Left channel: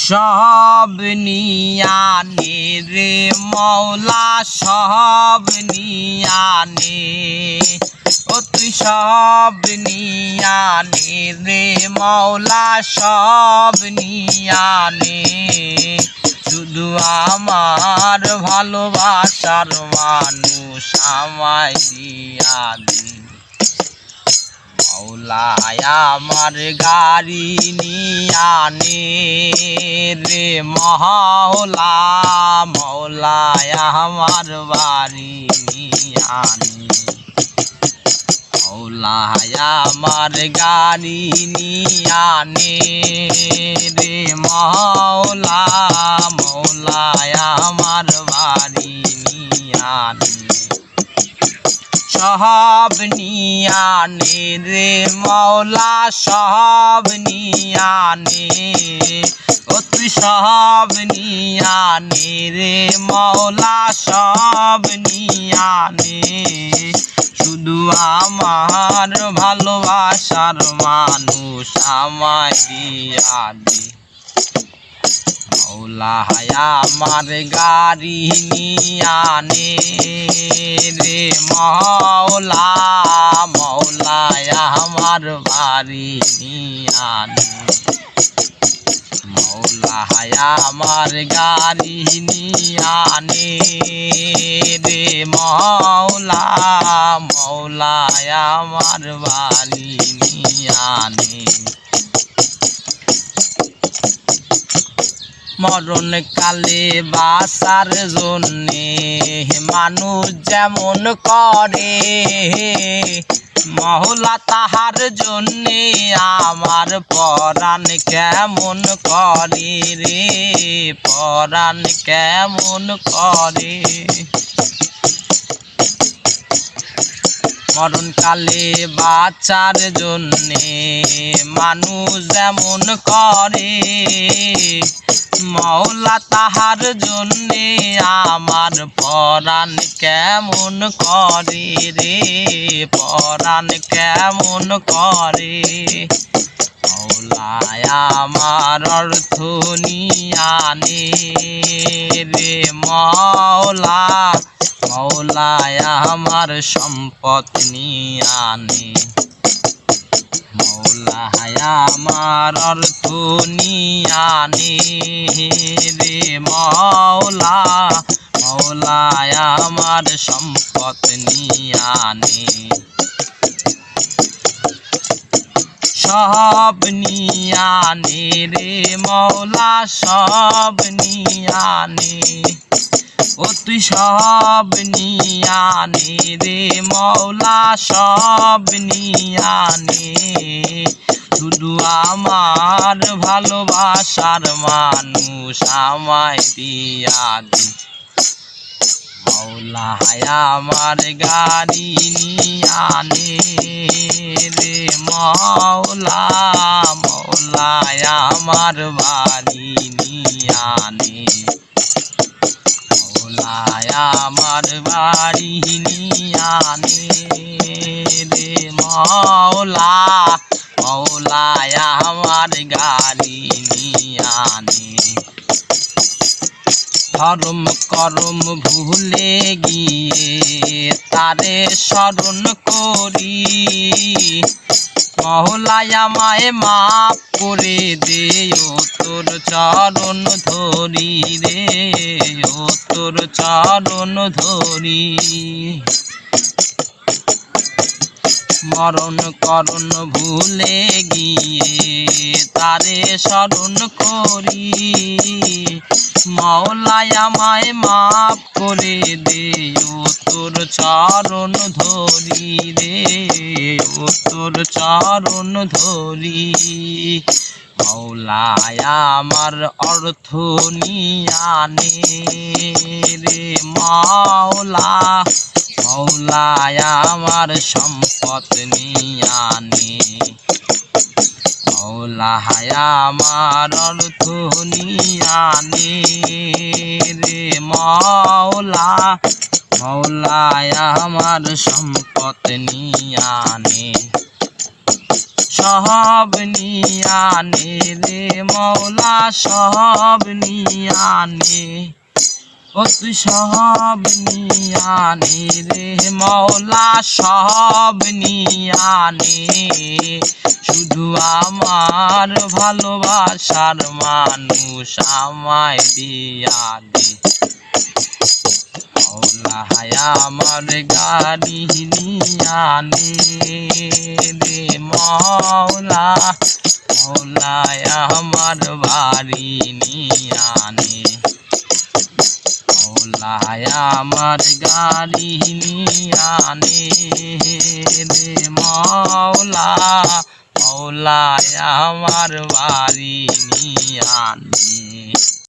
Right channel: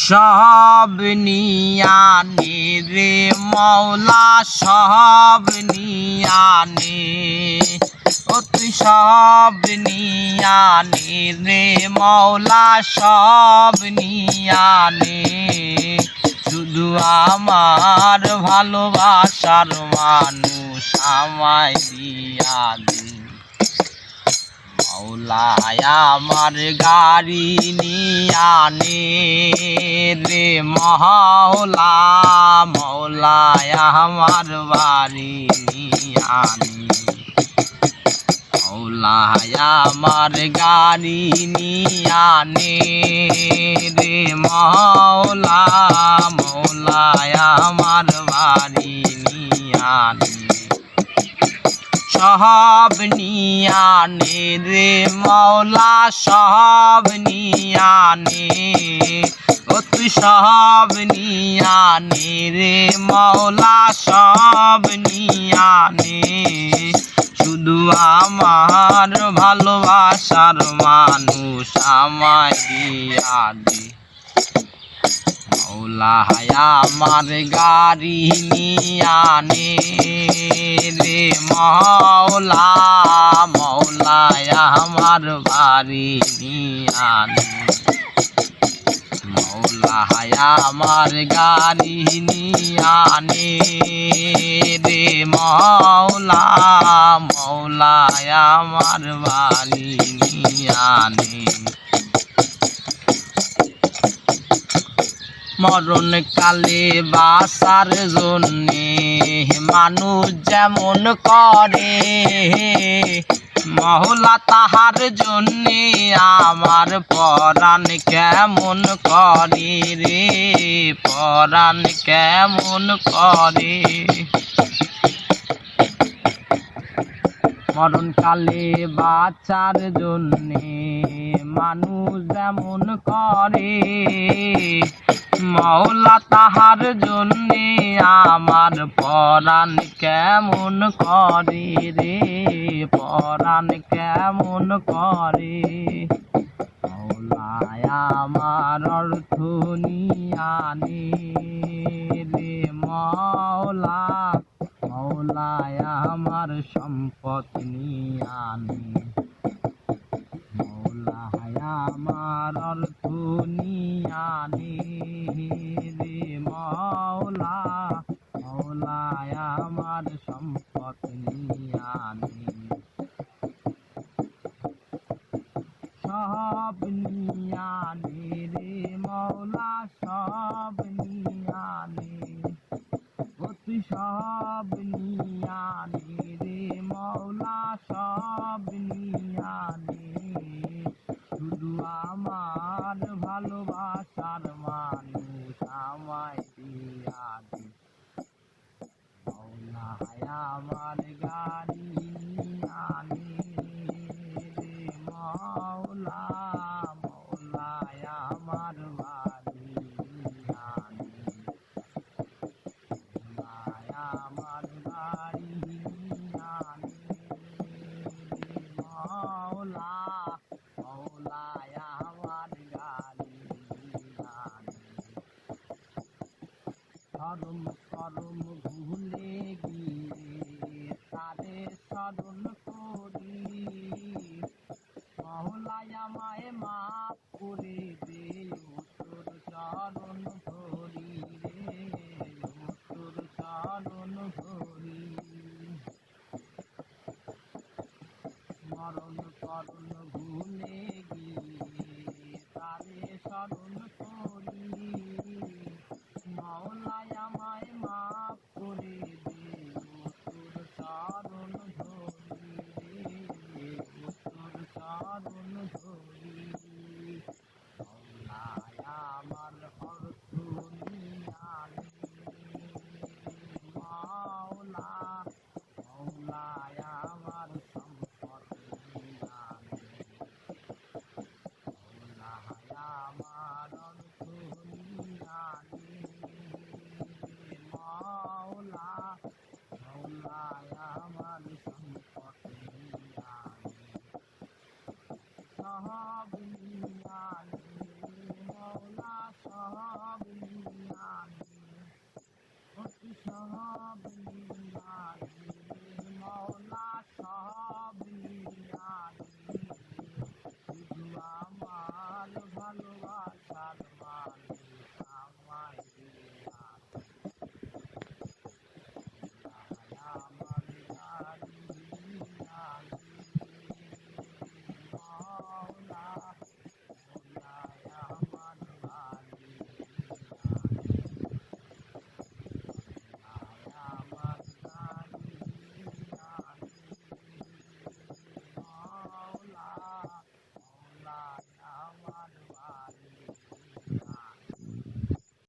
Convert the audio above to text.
সব নিয়ানে রে মৌলা সব নিয়ানে ও তুই সব নিয়ানে রে মৌলা সব নিয়ানে শুধু আমার ভালোবাসার মানুষ আমায় দিয়া দে মৌলায় আমার গাড়ি নিয়ানে রে মহলা মৌলায় আমার বাড়ি নিয়ানে মৌলায় আমার গাড়ি নিয়ানে রে মৌলা মৌলায় আমার বাড়ি নিয়ানে সব নিয়ানে রে মৌলা সব নিয়ানে ও তুই সব নিয়ানে রে মৌলা সব নিয়ানে শুধু আমার ভালোবাসার মানুষ আমায় দিয়া দে মৌলায় আমার গাড়ি নিয়ানে রে মৌলা মৌলায় আমার বাড়ি নিয়ানে মৌলায় আমার গাড়ি নিয়ানে রে মৌলা মৌলায় আমার বাড়ি নিয়ানে মরণ কালে বাঁচার জন্যে মানুষ যেমন করে মহলা তাহার জন্যে আমার পরাণ কেমন করে রে পরাণ কেমন করে মরণকালে বাঁচার জন্যে মানুষ যেমন করে মৌলা তাহার জন্যে আমার পরাণ কেমন করে রে পরাণ কেমন করে মৌলায় আমার অর্থ নিয়ানে রে মৌলা মৌলায় আমার সম্পদ নিয়ানে মৌলায় আমার অর্থ নিয়ানে রে মৌলা মৌলায় আমার সম্পদ নিয়ানে সব নিয়ানে রে মৌলা সব নিয়ানে ও তুই সব নিয়ানে রে মৌলা সব নিয়ানে শুধু আমার ভালোবাসার মানুষ আমায় দিয়া দে মৌলায় আমার গাড়ি নিয়ানে রে মৌলা মৌলায় আমার বাড়ি নিয়ানে মৌলায় আমার বাড়ি নিয়ানে রে মৌলা মৌলায় আমার গাড়ি নিয়ানে ধর্ম করম ভুলে গিয়ে তারে স্মরণ করি মৌলায় আমায় মাপ করে দে ও তোর চরণ ধরি রে ও তোর চরণ ধরি মরণ করণ ভুলে গিয়ে তারে স্মরণ করি মৌলায় আমায় মাপ করে দে ও তোর চরণ ধরি রে ও তোর চরণ ধরি মৌলায় আমার অর্থ নিয়ানে রে মৌলা মৌলায় আমার সম্পদ নিয়ানে মৌলায় আমার অর্থ নিয়ানে রে মৌলা মৌলায় আমার সম্পদ নিয়ানে সব নিয়ানে রে মৌলা সব নিয়ানে ও তুই সব নিয়ানে রে মৌলা সব নিয়ানে শুধু আমার ভালোবাসার মানুষ আমায় দিয়া দে মৌলা আমার গাড়ি নিয়ানে রে মৌলা মৌলা আমার বাড়ি নিয়ানে মৌলা আমার গাড়ি নিয়ানে রে মৌলা মৌলা আমার বাড়ি নিয়ানে।